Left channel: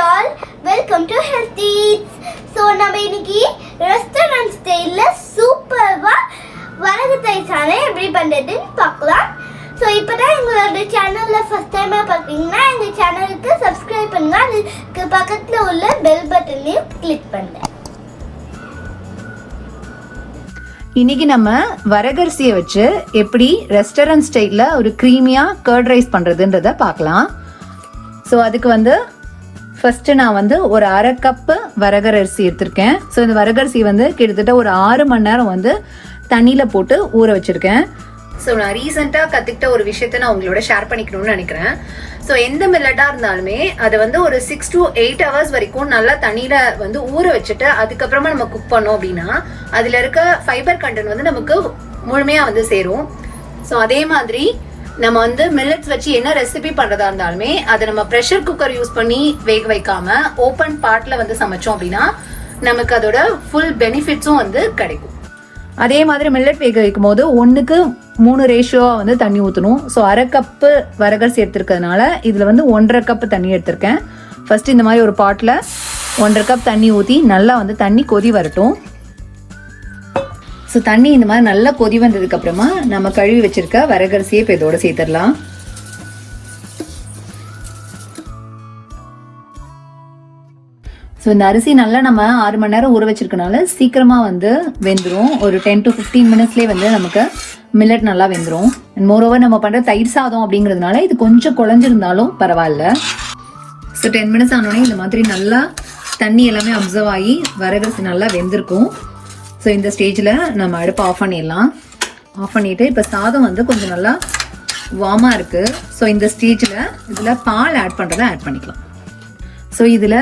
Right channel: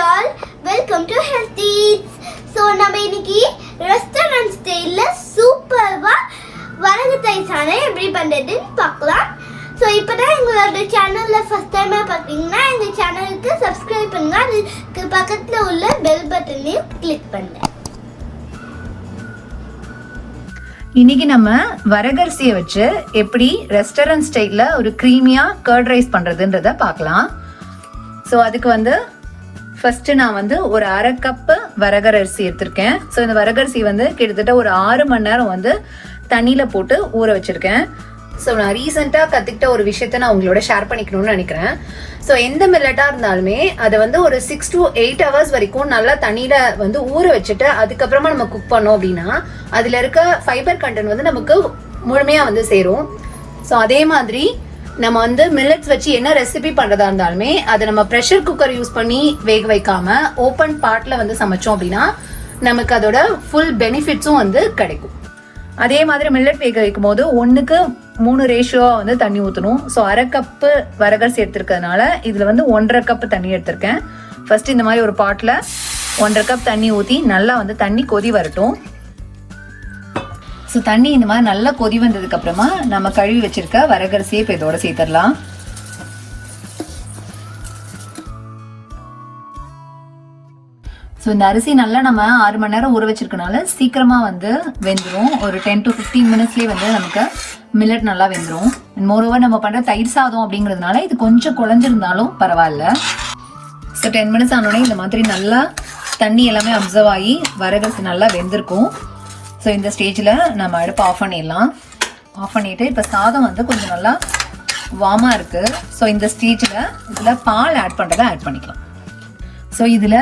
all, welcome to Health Eats. So நம்ம இன்னைக்கு restaurant ஸ்டைல்ல சூப்பர்வா வரகு தைச்சானே எப்படி பண்றதுன்னு பார்க்கலாம். ஸோ இப்போதான் எங்களோட சேனல்ல ஃபர்ஸ்ட் டைமா பார்த்தீங்கன்னா எங்க சேனலுக்கு சப்ஸ்கிரைப் பண்ணுங்க, அதுக்கு பக்கத்துல உள்ள பெல் பட்டனையும் கிளிக் பண்ணுங்க. இன்னைக்கு நம்ம வரகரிசியை வச்சு எப்படி ரெஸ்டாரண்ட் ஸ்டைல்ல ஒரு கிரீமியா கர்ட் ரைஸ் பண்றதுன்றத பார்க்கலாம். ஸோ அதுக்கு வந்து ஃபர்ஸ்ட் நான் ஒரு அரை கப்பு வரகரிசி எடுத்திருக்கேன். ஸோ இந்த வரகரிசி கிட்டத்தட்ட ஒரு 6 மணி நேரம் தண்ணியில போட்டு ஊற வச்சிருக்கேன். ஸோ நான் ரீசெண்டா கத்துக்கிட்ட ஒரு விஷயத்த நான் உங்களோட ஷேர் பண்ணிக்கணும்னு நினைக்கிறேன். ஸோ எந்த மில்லட்டா இருந்தாலுமே அது ஒரு 6 to 8 hours வரைக்கும் நல்லா தண்ணியில ஊற வச்சுட்டு அதுக்கப்புறமா நம்ம குக் பண்ணோம் அப்படின்னா அதுல இருக்க ஃபைபர் கண்டென்ட் நமக்கு முழுமையா சேரும். ஸோ அதே மாதிரி நம்ம மில்லட்ஸ் வச்சு என்ன ரெசிபி பண்றதா இருந்தாலுமே அது நம்ம ப்ரெஷர் குக்கர் யூஸ் பண்ணி வேக வைக்காம ஓபன் பாட்ல சமைச்சோம் அப்படின்னா நமக்கு அதோட ஃபுல் பெனிஃபிட்ஸும் கிடைக்கும். அதே மாதிரி மில்லட் வேக வைக்கும் போது 1:3 ரேஷியோவா தண்ணி ஊற்றணும். ஸோ அரை கப்பு வரகரிசி எடுத்திருக்கிறதுனால இதுல 1.5 கப் தண்ணி எடுத்திருக்கேன். ஃபர்ஸ்ட் இந்த மாதிரி ஒரு பாட்ல 1.5 கப் தண்ணி ஊற்றி நல்லா தண்ணி கொதி வரட்டும். ஸோ தண்ணி இந்த மாதிரி நல்லா கொதி வந்ததுக்கு அப்புறமா நம்ம கழுவி வச்சிருக்க வரகரிசியை இப்போ இதோட சேர்த்துடலாம். ஸோ இந்த அரிசி நல்லா நம்ம 6 மணி நேரம் ஊற வச்சிருக்கனால சீக்கிரமா வெந்துடும். ஒரு 10 to 15 மினிட்ஸ்லேயே நமக்கு மில்லட் நல்லா வெந்துடும். மோரோவர் நம்ம பண்ற தயிர் சாதம் அப்படிங்கிறதுனால இது கொஞ்சம் குழஞ்சிருந்தாலும் பரவாயில்ல. ஸோ 10 மினிட்ஸ் ஆனோடனே இந்த மாதிரி நல்லா தண்ணி எல்லாமே அப்சர்வ் ஆகி வரகரிசி நல்லா வெந்திருக்கும். ஸோ இந்த ஸ்டேஜில் நம்ம அடுப்பு ஆஃப் பண்ணிடலாம். ஆஃப் பண்ணிட்டு இப்போ சாதம் கொஞ்சம் நல்லா வார்மாக இருக்கு. ஸோ இந்த ஸ்டேஜில் இதில் பால் ஆட் பண்ணுறதை ஆட் பண்ணிக்கலாம். ஸோ இதில்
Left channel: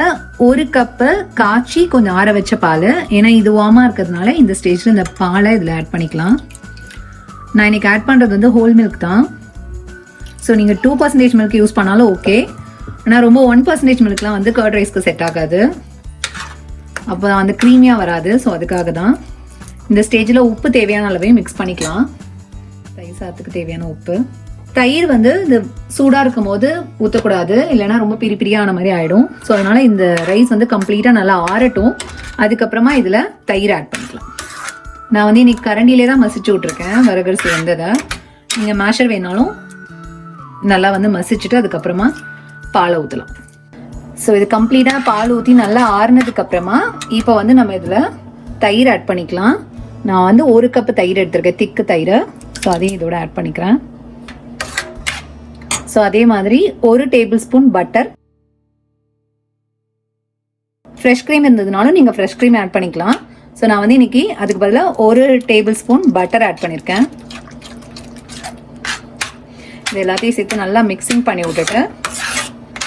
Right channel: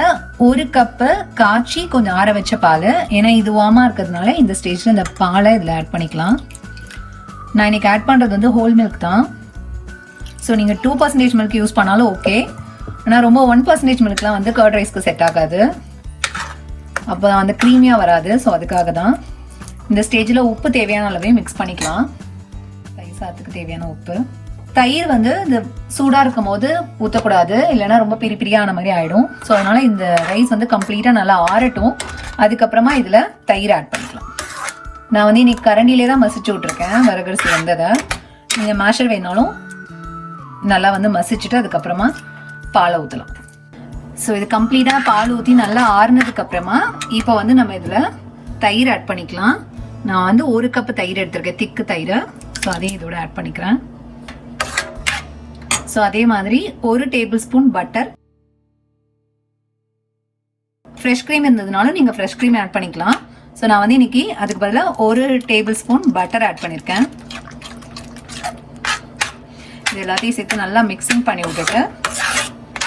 1 கப்பு காய்ச்சி கொஞ்சம் ஆற வச்ச பால், ஏன்னா இது வார்மாக இருக்கிறதுனால இந்த ஸ்டேஜில் இந்த பாலை இதில் ஆட் பண்ணிக்கலாம். நான் இன்னைக்கு ஆட் பண்ணுறது ஹோல் மில்க் தான். ஸோ நீங்கள் 2% மில்க் யூஸ் பண்ணாலும் ஓகே. ஆனால் ரொம்ப 1% மில்க்லாம் கர்ட் ரைஸ்க்கு செட் ஆகாது, அப்போ க்ரீமியாக வராது. ஸோ அதுக்காக தான் இந்த ஸ்டேஜில் உப்பு தேவையான அளவே மிக்ஸ் பண்ணிக்கலாம். தயிர் சாதத்துக்கு தேவையான உப்பு. தயிர் இந்த சூடாக இருக்கும் போது ஊற்றக்கூடாது, இல்லைன்னா ரொம்ப பிரிப்பிரியான மாதிரி ஆகிடும். ஸோ அதனால இந்த ரைஸ் கம்ப்ளீட்டாக நல்லா ஆறட்டும். அதுக்கப்புறமா இதில் தயிர் ஆட் பண்ணிக்கலாம். நான் இன்னைக்கு கரண்டிலே தான் மசிச்சு விட்ருக்கேன் வரகரிசி வந்ததை. நீங்கள் மேஷர் வேணாலும் நல்லா மசிச்சுட்டு அதுக்கப்புறமா பாலை ஊற்றலாம். ஸோ இது கம்ப்ளீட்டாக பால் ஊற்றி நல்லா ஆறுனதுக்கு அப்புறமா இப்போ நம்ம இதில் தயிர் ஆட் பண்ணிக்கலாம். நான் 1 கப்பு தயிர் எடுத்திருக்கேன், திக்கு தயிர். ஸோ அதையும் இதோட ஆட் பண்ணிக்கிறேன். ஸோ அதே மாதிரி 1 tablespoon butter. Fresh cream இருந்ததுனாலும் நீங்கள் ஃப்ரெஷ் க்ரீம் ஆட் பண்ணிக்கலாம். ஸோ நான் இன்னைக்கு அதுக்கு பதிலாக 1 டேபிள் ஸ்பூன் பட்டர் ஆட் பண்ணியிருக்கேன். இது எல்லாத்தையும் சேர்த்து நல்லா மிக்சிங் பண்ணி விட்டுட்டு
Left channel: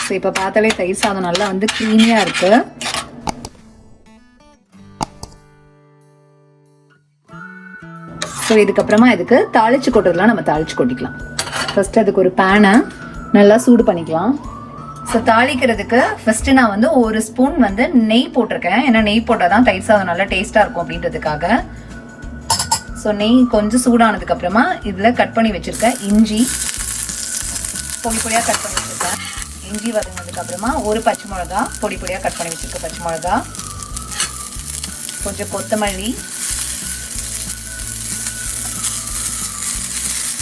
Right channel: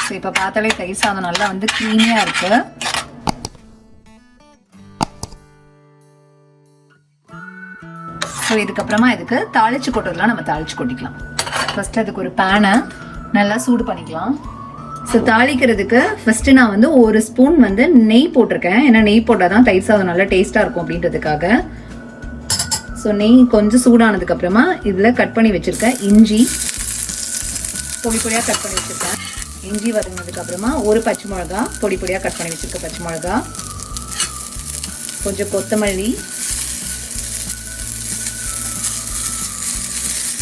ஸோ இப்போ பார்த்தாலே தயிர் சாதம் நல்லா க்ரீமியாக இருக்கு. ஸோ இதுக்கப்புறமா இதுக்கு தாளிச்சு கொட்டுறதுலாம் நம்ம தாளிச்சு கொட்டிக்கலாம். ஃபர்ஸ்ட் அதுக்கு ஒரு பேனை நல்லா சூடு பண்ணிக்கலாம். ஸோ தாளிக்கிறதுக்கு ஃபர்ஸ்ட் நான் 1 ஸ்பூன் நெய் போட்டிருக்கேன். ஏன்னா நெய் போட்டால் தான் தயிர் சாதம் நல்லா டேஸ்டா இருக்கும் அப்படின்றதுக்காக. ஸோ நெய் கொஞ்சம் சூடானதுக்கு அப்புறமா இதில் கட் பண்ணி வச்சிருக்கேன் இஞ்சி பொடி பொடியாக கட் பண்ணி வச்சிருக்கேன். இஞ்சி வதங்கினதுக்கு அப்புறமா 1 பச்சை மிளகா பொடி பொடியாக கட் பண்ணி வச்சிருக்க பச்சை மிளகா, கொஞ்சம் கொத்தமல்லி,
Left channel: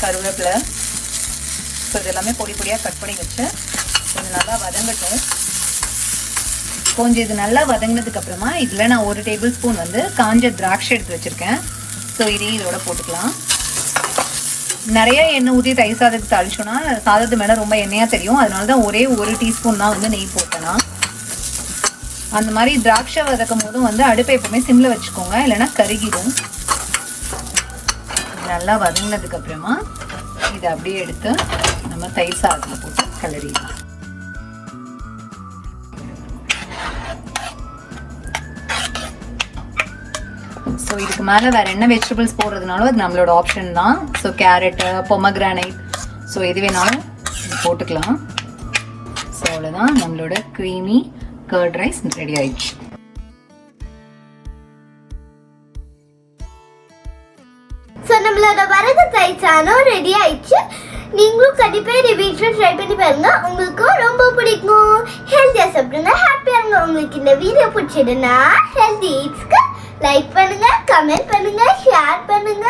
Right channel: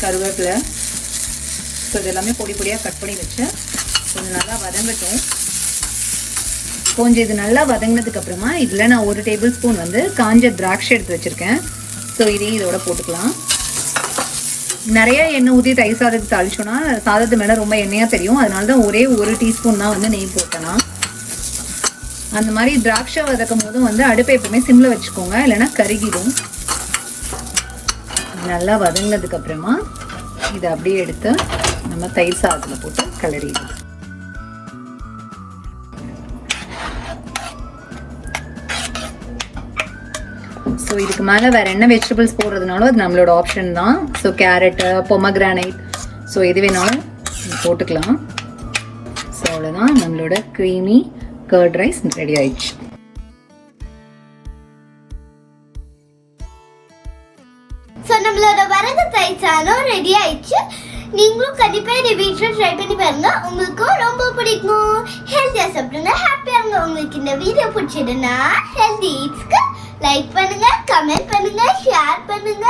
கருவேப்பிலை. ஸோ இது எல்லாமே பொடி பொடியாக கட் பண்ணி வச்சு கொஞ்சம் நல்லா வதங்கட்டும். கொஞ்சம் இது நல்லா வதங்கினதுக்கு அப்புறமா இதில் நான் 1 டேபிள் ஸ்பூன் காஞ்ச திராட்சை எடுத்து வச்சிருக்கேன். ஸோ இதையும் இதோட போட்டுக்கலாம். நிறைய எண்ணெய் ஊற்றி தயிர் சாதத்தை தாளிச்சோன்னா சாதத்து மேலே ரொம்ப எண்ணெயாக தெரியும். அதனால தான் ஒரே 1 டீஸ்பூன் தான் நெய் போட்டேன்னா. அந்த மாதிரி திராட்சை வதக்கும் போதும் அடுப்பை எப்பவுமே சிம்ல வச்சுக்கோங்க, இல்லைன்னா கருகிடும். நல்லா வதங்கினதுக்கு அப்புறமா இதை அப்படியே எடுத்து நம்ம தயிர் சாதத்தில் போட்டு கிளறிடலாம். ஸோ இதுக்கு மேலே வேற என்ன வெஜிடபிள்ஸ் போடுறதுனாலும் அது நம்மளோட ஆப்ஷன் தான். ஸோ கேரட்டு, பொமக்ரானைட், ஸோ எது வேணாலும் போட்டுக்கலாம். ஸோ அவ்வளோதான், நம்மளோட க்ரீமி கர்ட் ரைஸ் ரெடி ஆயிடுச்சு. ஸோ நம்மளோட வரகு தயிர் சாதம் ரெடி ஆயிடுச்சு. நீங்களும் கண்டிப்பா இதை வீட்டில் ட்ரை பண்ணி பாருங்க, உங்களுக்கும் ரொம்ப பிடிக்கும். ஹெல்த்தியா சாப்பிடுங்க. உங்களுக்கு இந்த வீடியோ பிடிச்சதுன்னா ஹெல்தி ஈட்ஸ்க்கு லைக் பண்ணுங்க, கமெண்ட் பண்ணுங்க, ஷேர் பண்ணுங்க.